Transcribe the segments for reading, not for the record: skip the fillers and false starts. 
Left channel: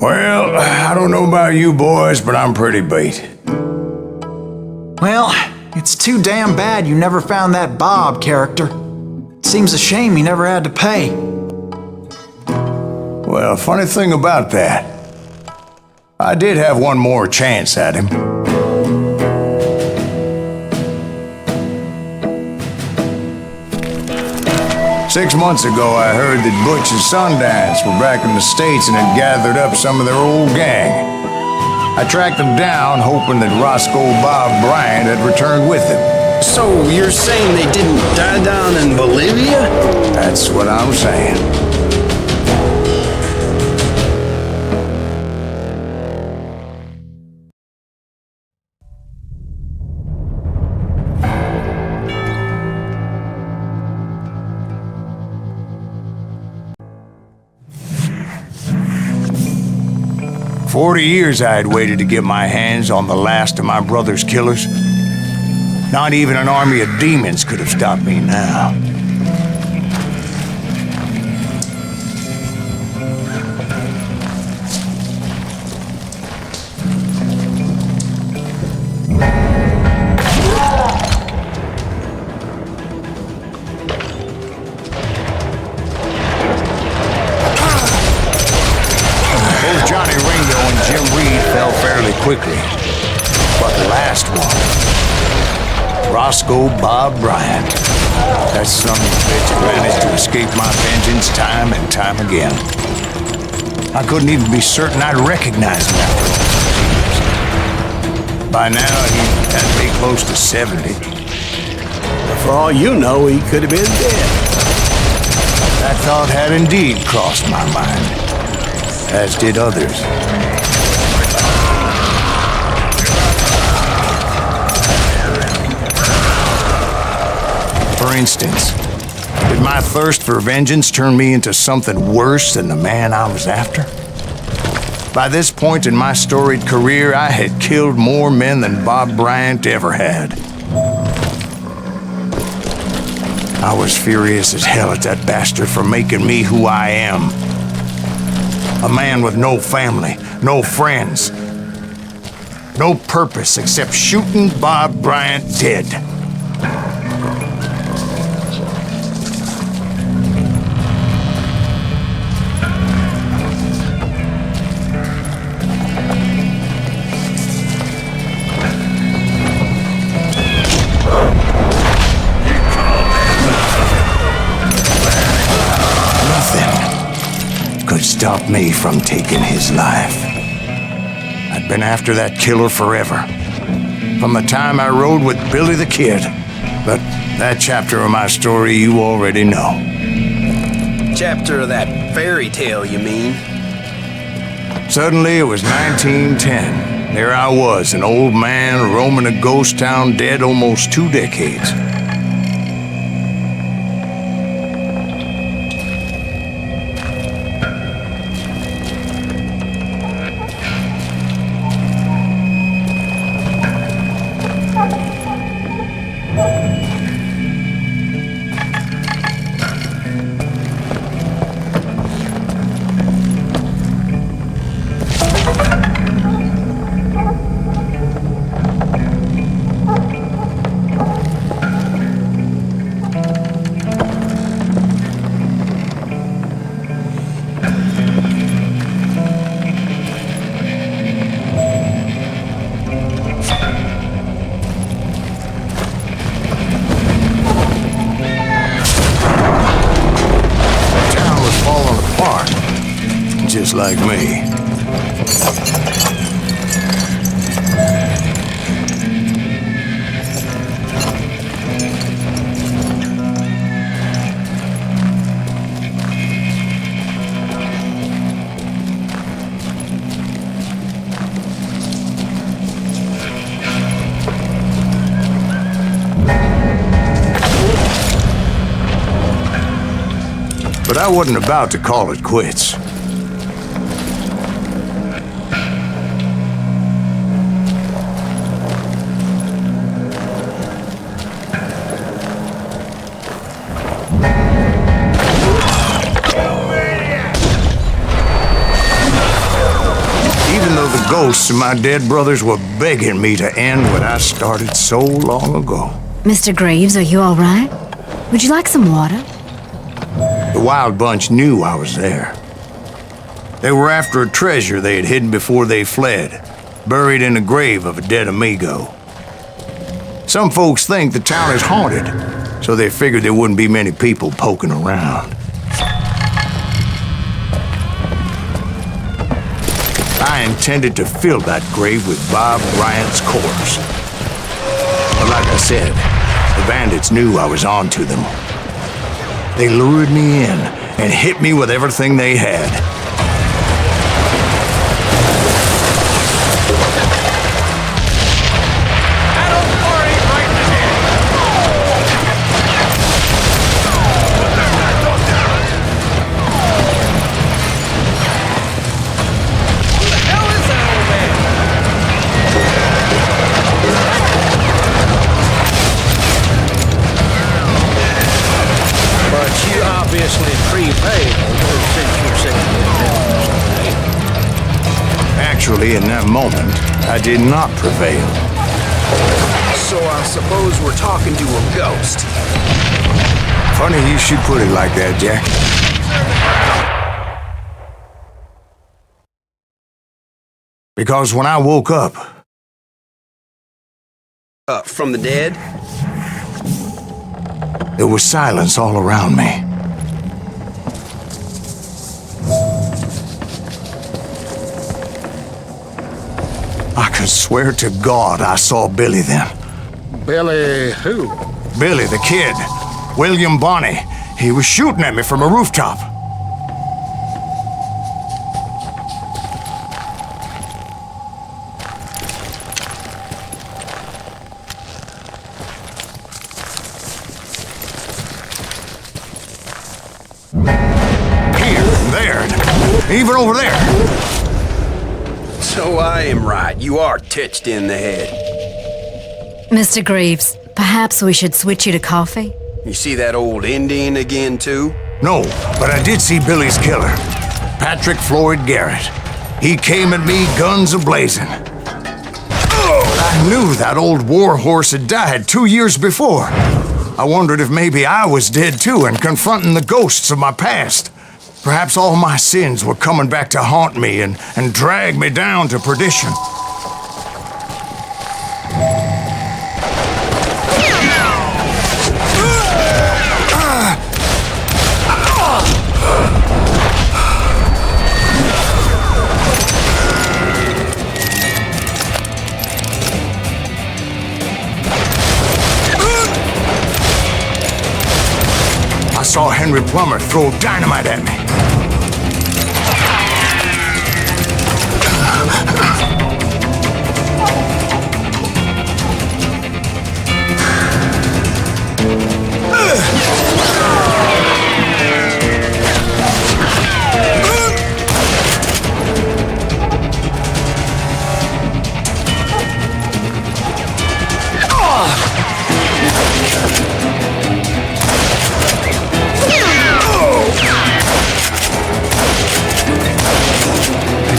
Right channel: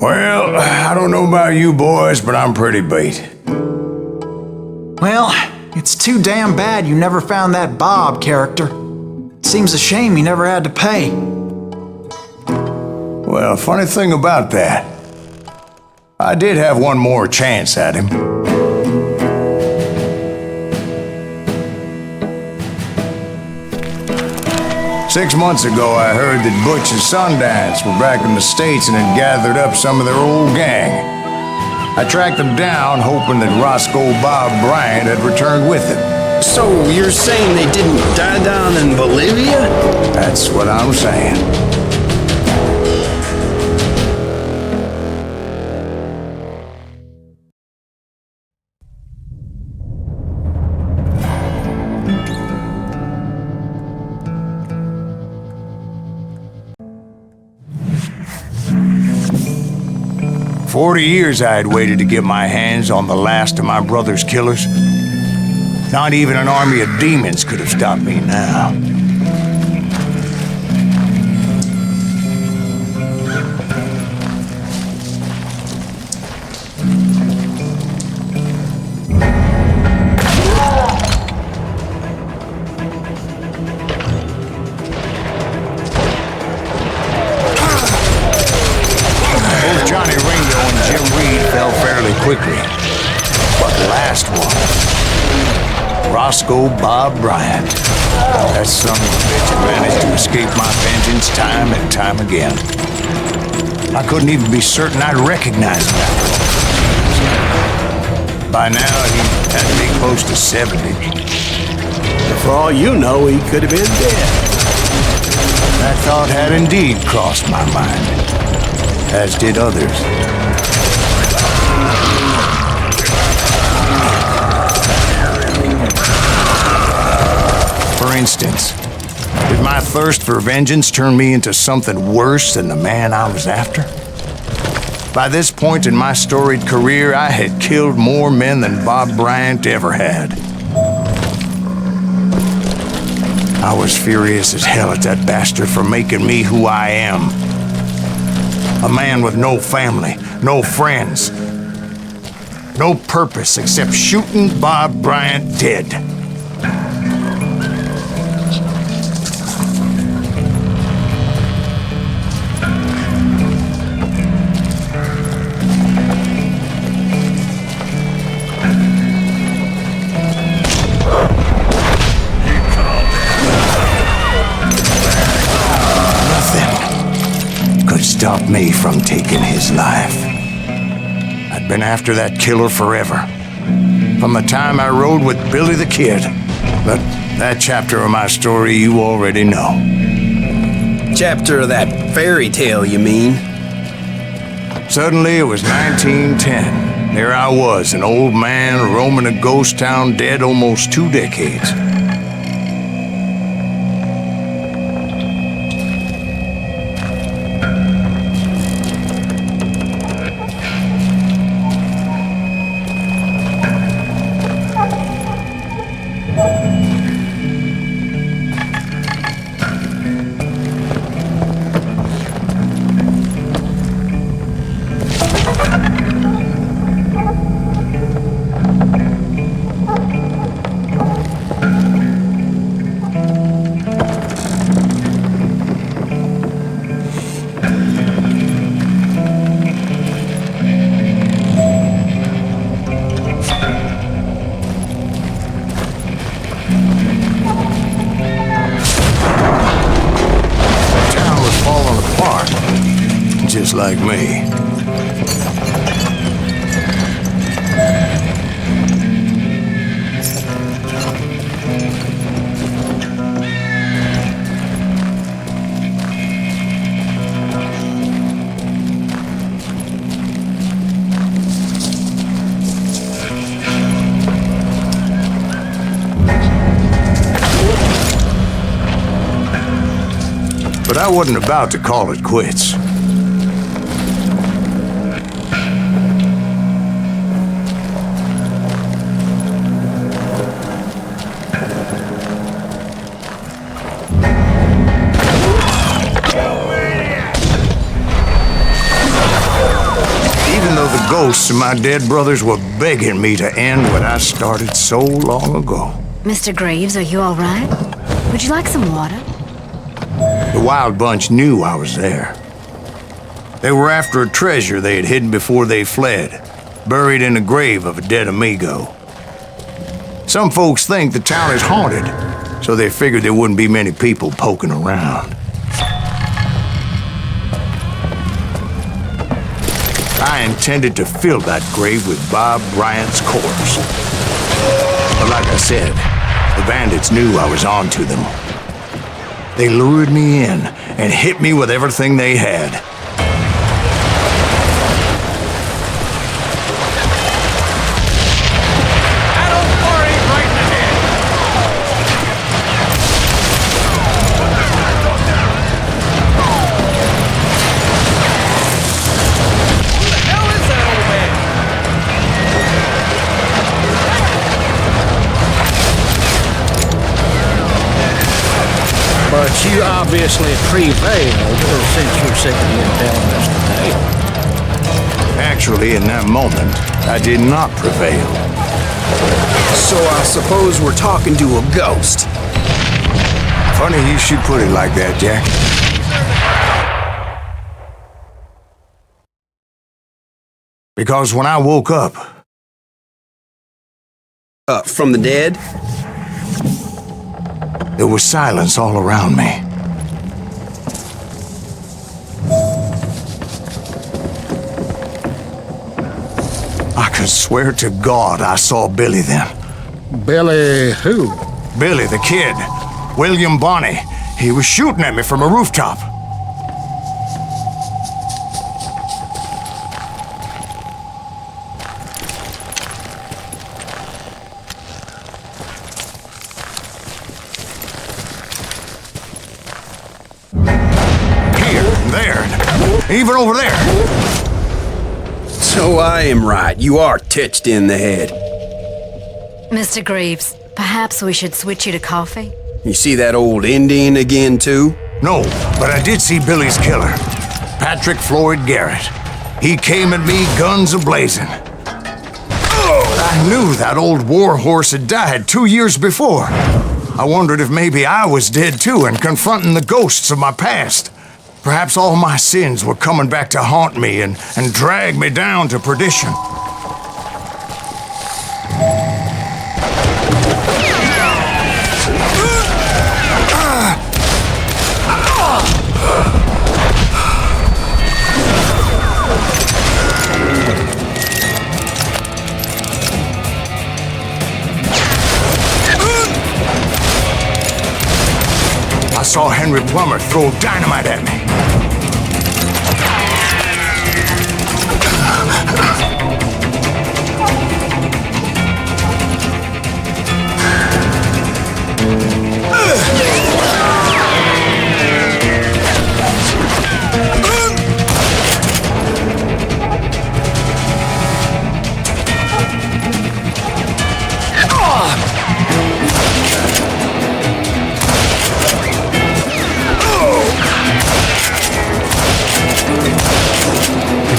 Well, I don't know about you boys, but I'm pretty beat. Well, it's too damn bad you never found that Bob character. Seems a shame he never had to pay. Well, funny thing about that, I did have one more chance at him. Six months ago, I heard that Butch and Sundance were back in the States and had gathered up some of their old gang. I tracked them down, hoping that Roscoe Bob Bryant had returned with them. So you're saying they didn't die down in Bolivia? That's what I'm saying. For 40 years I had waited to get my hands on the last of my brother's killers. Not even an army of demons could have stopped me now. Both Johnny Ringo and Jim Reed fell fairly quickly. But the last one, Roscoe Bob Bryant. That son of a bitch had managed to escape my vengeance time and time again. I couldn't even be certain I'd recognize him after all those years. By now, he had to be close to 70. But for all you know, he could have been dead. That thought had indeed crossed my mind, as did others. For instance, did my thirst for vengeance turn me into something worse than the man I was after? By this point in my storied career, I had killed more men than Bob Bryant ever had. I was furious as hell at that bastard for making me who I am. A man with no family, no friends, no purpose except shooting Bob Bryant dead. Could stop me from taking his life. I'd been after that killer forever, from the time I rode with Billy the Kid. But that chapter of my story you already know. Chapter of that fairy tale, you mean? Suddenly it was 1910. There I was, an old man roaming a ghost town dead almost 2 decades. Just like me. But I wasn't about to call it quits. ghosts of my dead brothers were begging me to end what I started so long ago. Mr. Graves, are you all right? Would you like some water? The Wild Bunch knew I was there. They were after a treasure they had hidden before they fled, buried in the grave of a dead amigo. Some folks think the town is haunted, so they figured there wouldn't be many people poking around. I intended to fill that grave with Bob Bryant's corpse. But like I said, the bandits knew I was on to them. They lured me in and hit me with everything they had. But you obviously prevailed since you're sitting here telling us today. Actually, in that moment, I did not prevail. So I suppose we're talking to a ghost. Funny you should put it like that, Jack. Because when I woke up... From the dead? There was silence all around me. I could swear to God I saw Billy then. Billy who? Billy, the kid. William Bonney. He was shooting at me from a rooftop. Even over there. So I am right. You are touched in the head. Mr. Graves, perhaps we should switch you to coffee? You see that old Indian again, too? No, but I did see Billy's killer, Patrick Floyd Garrett. He came at me guns a-blazing. I knew that old war horse had died 2 years before. I wondered if maybe I was dead too and confronting the ghosts of my past. Perhaps all my sins were coming back to haunt me and drag me down to perdition. I saw Henry Plummer throw dynamite at me.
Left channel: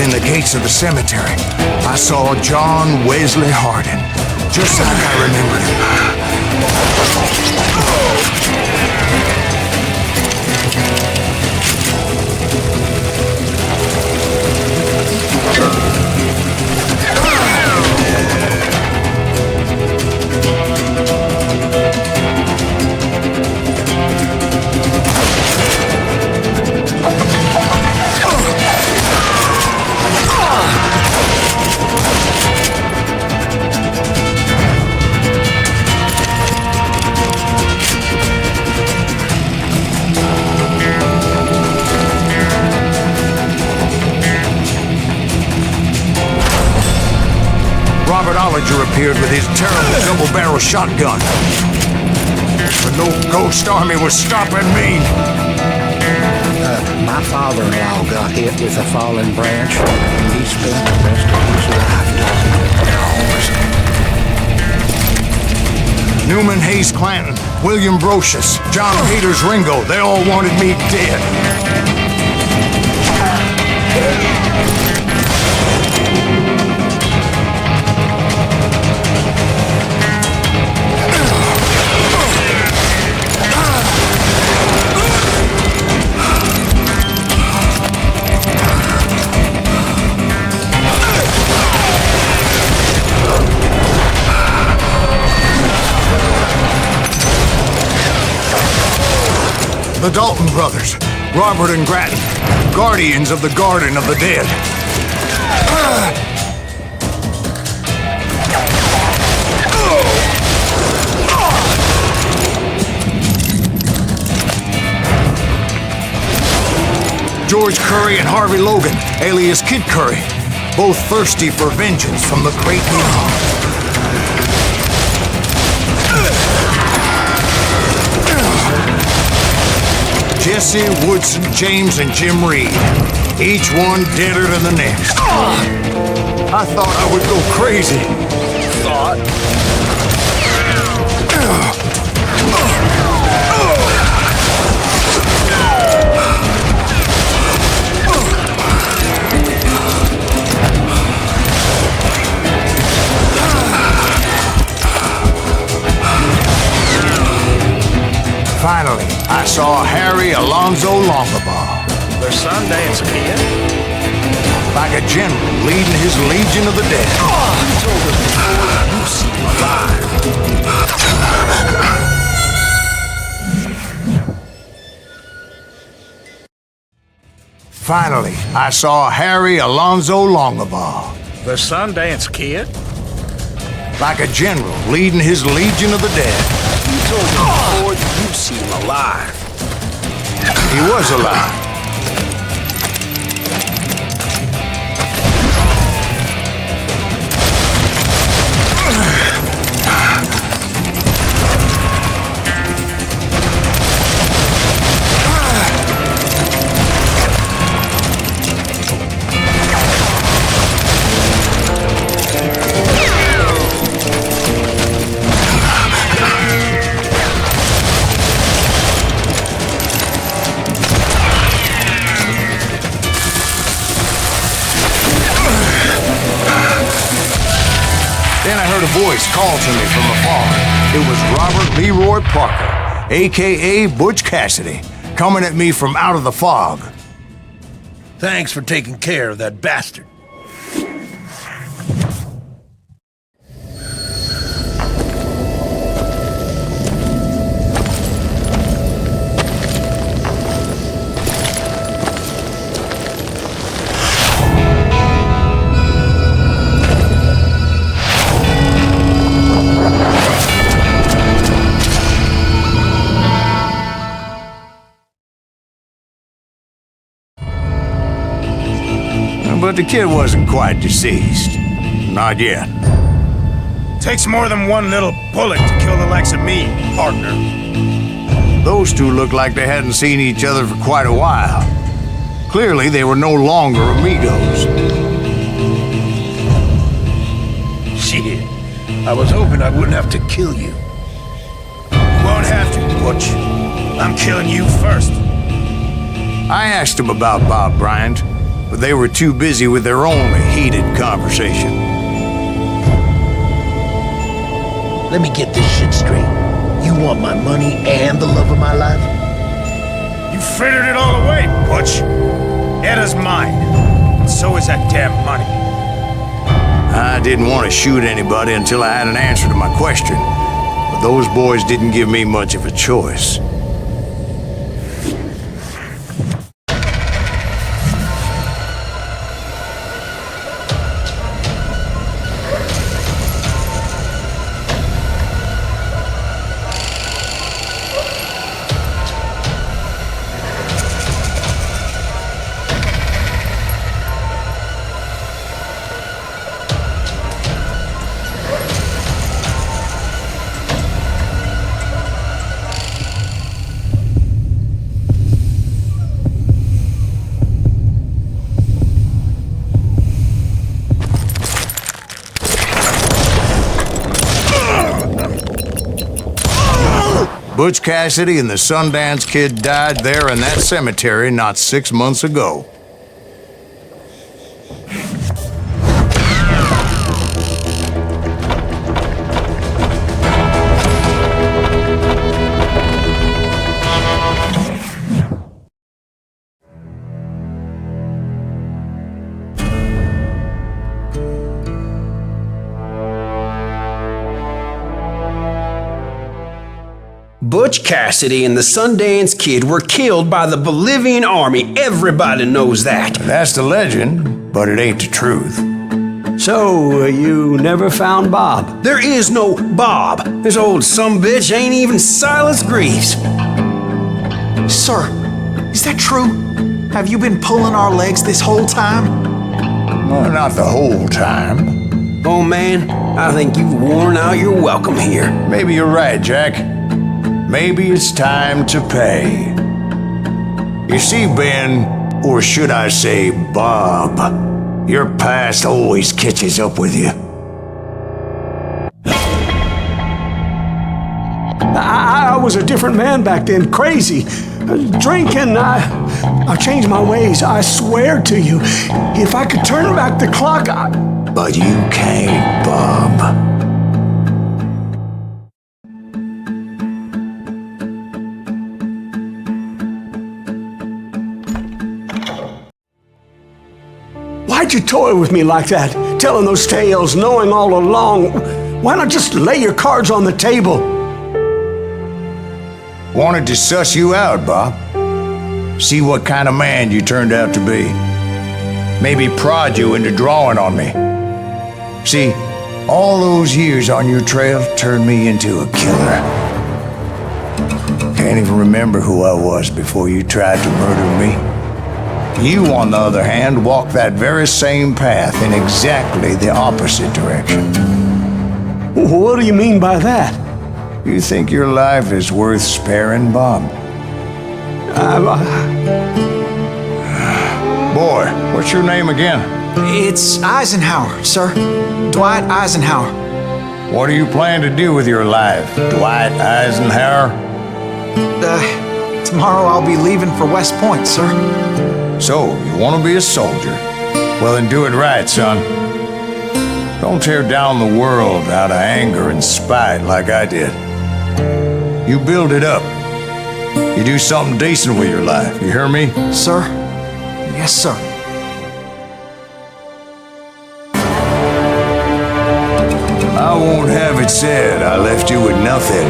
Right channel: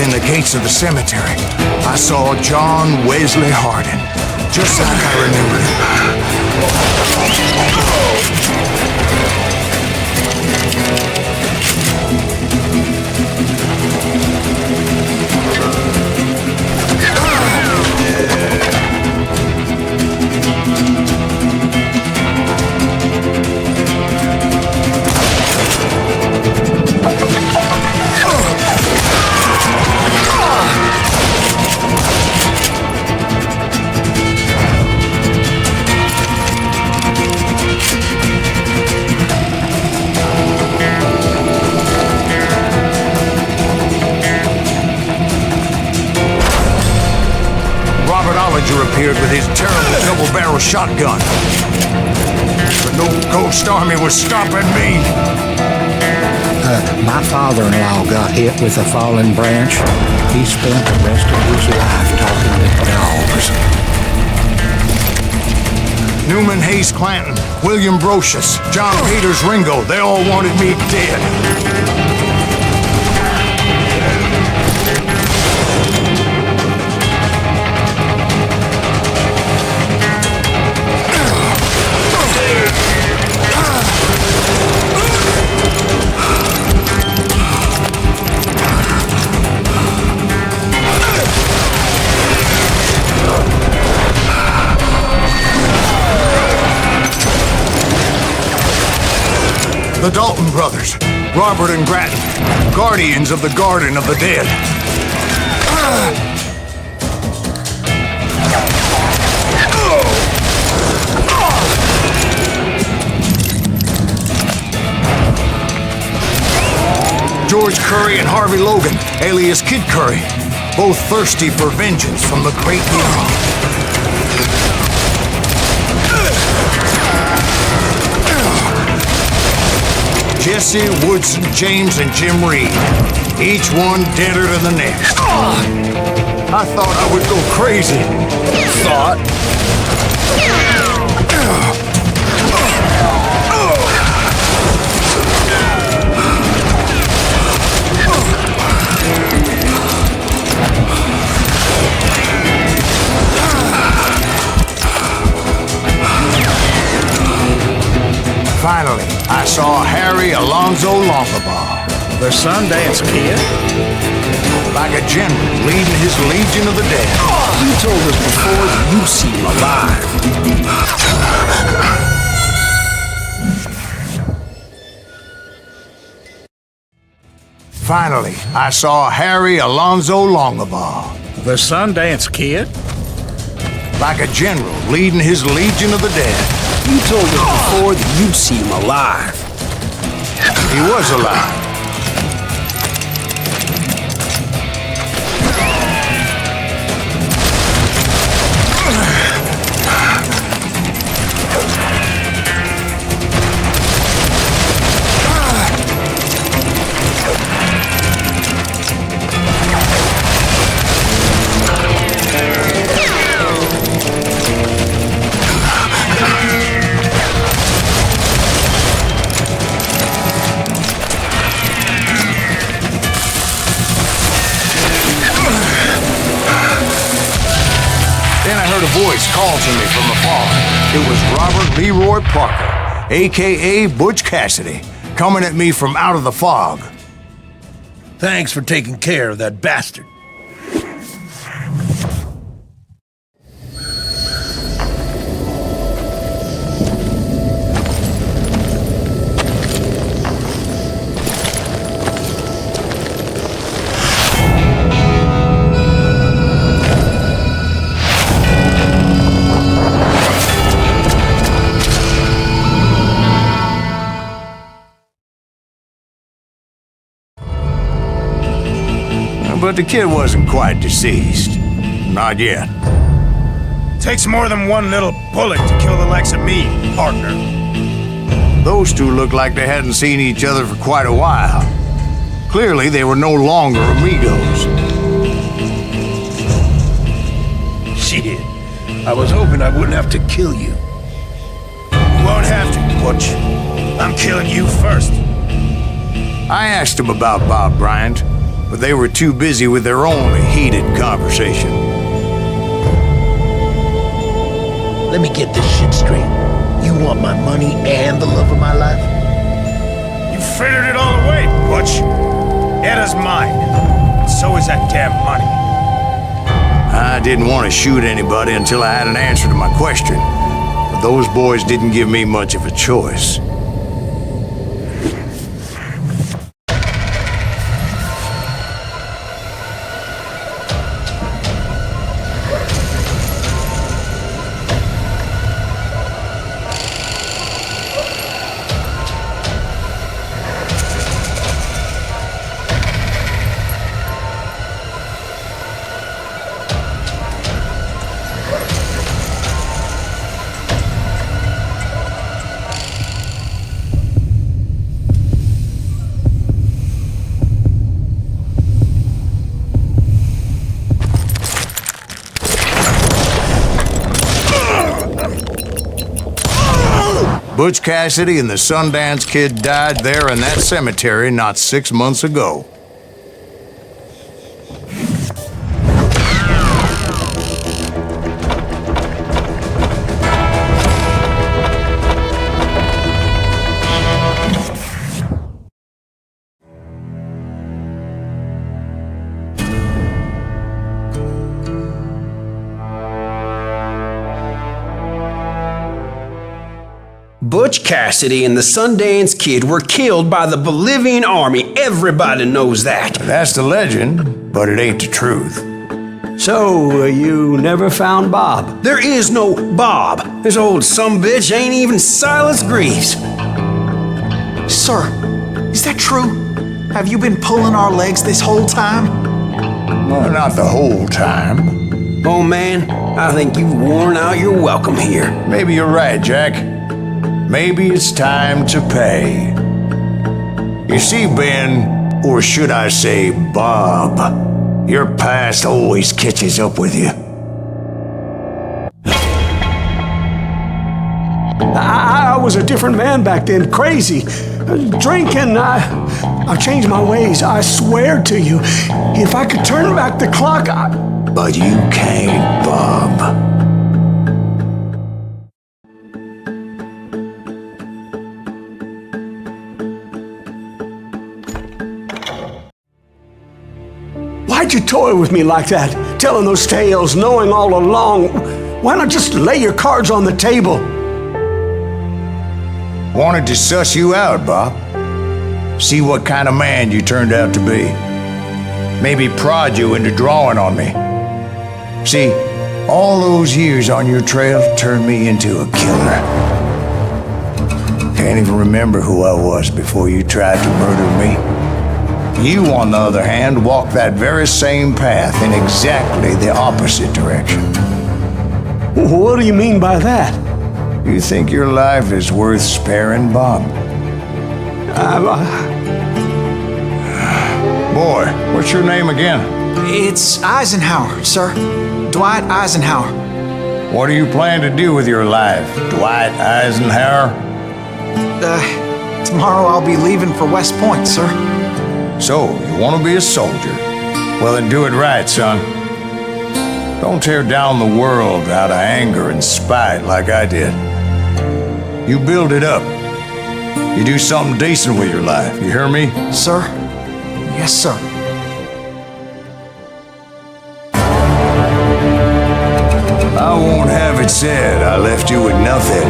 In the gates of the cemetery, I saw John Wesley Hardin, just like I remembered him. Robert Ollinger appeared with his terrible double-barrel shotgun. But no ghost army was stopping me. My father-in-law got hit with a fallen branch. He spent the rest of his life talking to dogs. Newman Hayes Clanton, William Brocious, John Peters Ringo, they all wanted me dead. The Dalton brothers, Robert and Grattan, guardians of the Garden of the Dead. George Curry and Harvey Logan, alias Kid Curry, both thirsty for vengeance from the great beyond. Jesse, Woodson, James, and Jim Reed, each one deader than the next. I thought I would go crazy. Thought? Finally, I saw Harry Alonzo Longabaugh. The Sundance Kid? Like a general leading his legion of the dead. You told us before that you see him alive. Finally, I saw Harry Alonzo Longabaugh. The Sundance Kid? Like a general leading his legion of the dead. You told us before that you see him alive. He was alive. Then I heard a voice call to me from afar. It was Robert Leroy Parker, a.k.a. Butch Cassidy, coming at me from out of the fog. Thanks for taking care of that bastard. But the kid wasn't quite deceased. Not yet. Takes more than one little bullet to kill the likes of me, partner. Those two looked like they hadn't seen each other for quite a while. Clearly, they were no longer amigos. Shit. I was hoping I wouldn't have to kill you. You won't have to, Butch. I'm killing you first. I asked them about Bob Bryant, but they were too busy with their own heated conversation. Let me get this shit straight. You want my money and the love of my life? You frittered it all away, Butch. Eda's mine. And so is that damn money. I didn't want to shoot anybody until I had an answer to my question, but those boys didn't give me much of a choice. Butch Cassidy and the Sundance Kid died there in that cemetery not 6 months ago. Butch Cassidy and the Sundance Kid were killed by the Bolivian army. Everybody knows that. That's the legend, but it ain't the truth. So, you never found Bob? There is no Bob. This old sumbitch ain't even Silas Greaves. Sir, is that true? Have you been pulling our legs this whole time? Well, not the whole time. Oh man, I think you've worn out your welcome here. Maybe you're right, Jack. Maybe it's time to pay. You see, Ben, or should I say Bob, your past always catches up with you. I was a different man back then, crazy. Drinking, I changed my ways, I swear to you. If I could turn back the clock, But you can't, Bob. Why'd you toy with me like that? Telling those tales, knowing all along. Why not just lay your cards on the table? Wanted to suss you out, Bob. See what kind of man you turned out to be. Maybe prod you into drawing on me. See, all those years on your trail turned me into a killer. Can't even remember who I was before you tried to murder me. You, on the other hand, walked that very same path in exactly the opposite direction. What do you mean by that? You think your life is worth sparing, Bob? Boy, what's your name again? It's Eisenhower, sir. Dwight Eisenhower. What do you plan to do with your life, Dwight Eisenhower? Tomorrow I'll be leaving for West Point, sir. So, you want to be a soldier? Well, then do it right, son. Don't tear down the world out of anger and spite like I did. You build it up. You do something decent with your life, you hear me? Sir? Yes, sir. I won't have it said I left you with nothing.